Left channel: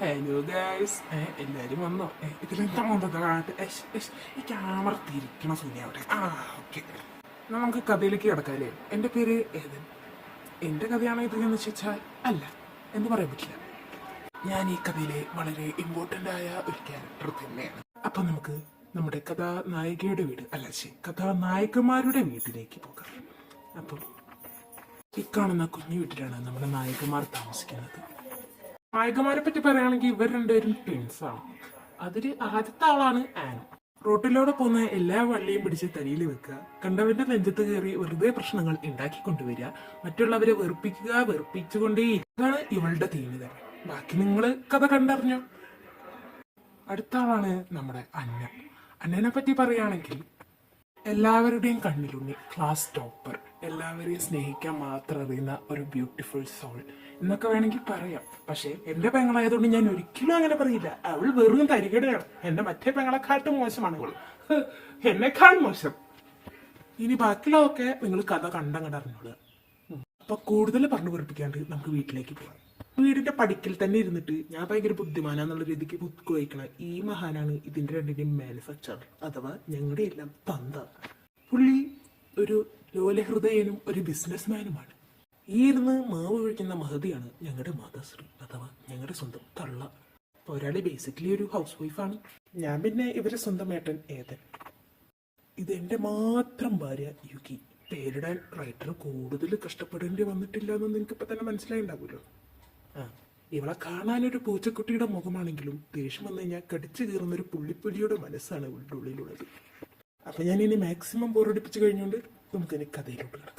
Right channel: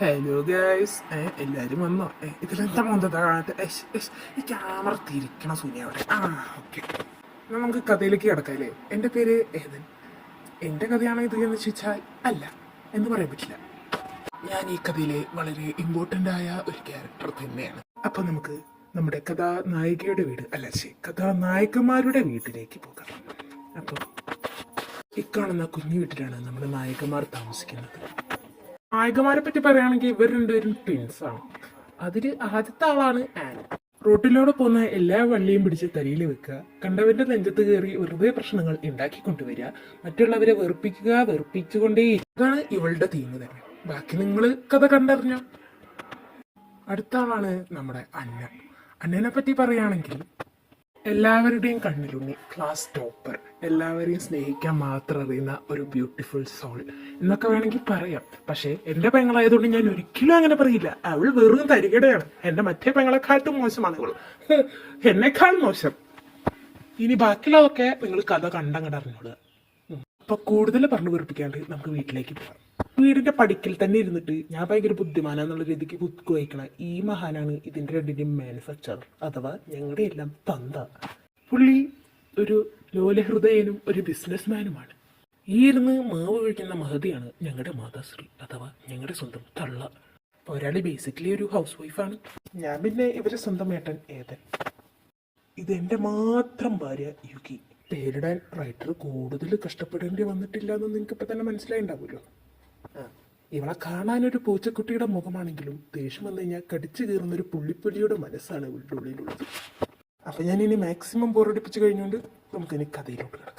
Hello guys, എല്ലാരും വന്നോ? ഇതിലെന്താ മന്ദതാകാത്ത ഈ ക്യാമറ തിരിക്കണ സുനി അവിടെ. ഓക്കെ, നമുക്ക് കഥയിലേക്ക് കിടക്കാല്ലേ. എൻ്റെ പേര് ഏതൻ. എൻ്റെ കഥയാണ് ഇത് എന്ന് ചോദിച്ചാൽ അല്ല എന്ന് പറയാൻ പറ്റില്ല. ഞാൻ ഈ കഥയിലെ വളരെ ഇമ്പോർട്ടൻ്റ് ആയ ഒരു ക്യാരക്ടർ തന്നെയാണ്. അപ്പൊ നമുക്ക് നമ്മുടെ കഥാനായികയുടെ വീട് കഥാനായകന്മാരുടെ വീട്ടിലേക്ക് പോകാം. അപ്പോൾ ഈ കാണുന്ന കുഞ്ഞു വീട്ടിലാണ് നമ്മുടെ നായികമാർ താമസിക്കുന്നത്. നായകന്മാരെ പറ്റി പറയുകയാണെങ്കിൽ ഇവർ രണ്ടുപേരും ട്വിൻസ് ആണ്. അതില് ആദ്യത്തെ ആളാണ് ആൻ. റോട്ടിലൂടെ പോകുന്ന എല്ലാ വള്ളിയും പിടിച്ച് തലയിൽ വെക്കുക, കണ്ടവന്റെ നെഞ്ചത്ത് കയറി വെറുതെ പ്രശ്നങ്ങൾ ഉണ്ടാക്കിക്കൊണ്ടുവരിക, മറ്റുള്ളവരെ വെറുപ്പിച്ചുകൊണ്ടേ ഇതാണ് ഇവളുടെ തീം തന്നെ. ബാക്കി നിങ്ങൾ കഥ കണ്ടറിഞ്ഞോ. അടുത്ത ആളാണ് നമ്മുടെ അന്നനെ പറ്റി പറയുകയാണെങ്കിൽ എല്ലാവരുടെയും കണ്ണിലുണ്ണി, ക്ലാസ് ടോപ്പർ, എല്ലാവരെയും സ്നേഹിക്കാൻ മാത്രം അറിയുന്ന ഒരു ബ്യൂട്ടിഫുൾ സോൾ എന്നൊക്കെ വേണമെങ്കിൽ പറയാം. പക്ഷെ എന്റെ പെങ്ങളായതുകൊണ്ട് ഞാൻ ഒരിക്കലും അങ്ങനെ പറയില്ല. അവൾ വെറും തരികടയാണ്. എന്റെ മറ്റേ പെങ്ങളെക്കാട്ടും മോശമാണ് അവൾ, എന്നെക്കാൾ മോശം. ഇനി ബാക്കിയുള്ളതൊക്കെ നിങ്ങൾ കഥ കണ്ടങ്ങടറിഞ്ഞോളുക. അപ്പൊ കൂടുതൽ പറഞ്ഞു വെറുപ്പിക്കാണ്ട് നമുക്ക് വീട്ടിലേക്ക് പോകാം. വീടിന്റെ പടിക്കൽ തന്നെ ഇരുന്നിട്ട് ഞാൻ ഭയങ്കര ബുദ്ധിമാനാന്നുള്ള രീതിക്ക് ബുക്ക് വഹിക്കണ ഈ മഹാനാണ് ഇതിന്റെ രണ്ടിന്റെയും മാനുഫാക്ചറർ, അഥവാ ഞങ്ങളുടെ എല്ലാം തന്ത. പുള്ളി ഒരു ലോലഹൃദയനും ഒരു ബിസിനസ്മാനുമാണ്. ഈ ഇരുന്ന് മാവ് കഴിക്കുന്ന മഹതിയാണ് ഞങ്ങളുടെ മാതാശ്രീ, അഥവാ ഞങ്ങളുടെ സ്വന്തം തള്ള. ഒരാള് ബേസിക്കലി ഒരു ഹൗസ് വൈഫാണ്. ഞാൻ പിന്നെ ഇവരെ സ്വന്തം ഏട്ടൻ ഏതൻ. ഇതെന്റെ മാത്രം ഭാര്യ യുകി. പേരിടാൻ റൈറ്റർ കൂടുതൽ കഷ്ടപ്പെടേണ്ടി വന്നിട്ടില്ല എന്ന് നിങ്ങൾക്ക് ഇപ്പൊ തന്നെ മനസ്സിലായിണ്ടാവുമല്ലോ. ഇവളെ കാണാനൊരു പൂച്ചക്കുട്ടിയുടെ മുഖമാണെങ്കിലും ദേഷ്യം വന്നു കഴിഞ്ഞാൽ കടിച്ചു കയറുന്ന ഒരു പുള്ളിപ്പുലിയുടെ മനസ്സാണ് ഇവളുടെ ഉള്ളിലുള്ളത്. അപ്പൊ ഞാൻ ഇനി മാക്സിമം ബോറടിപ്പിച്ച് കഴിഞ്ഞുകൊണ്ട് നമുക്കിനി കഥയിലോട്ട് കിടക്കാം.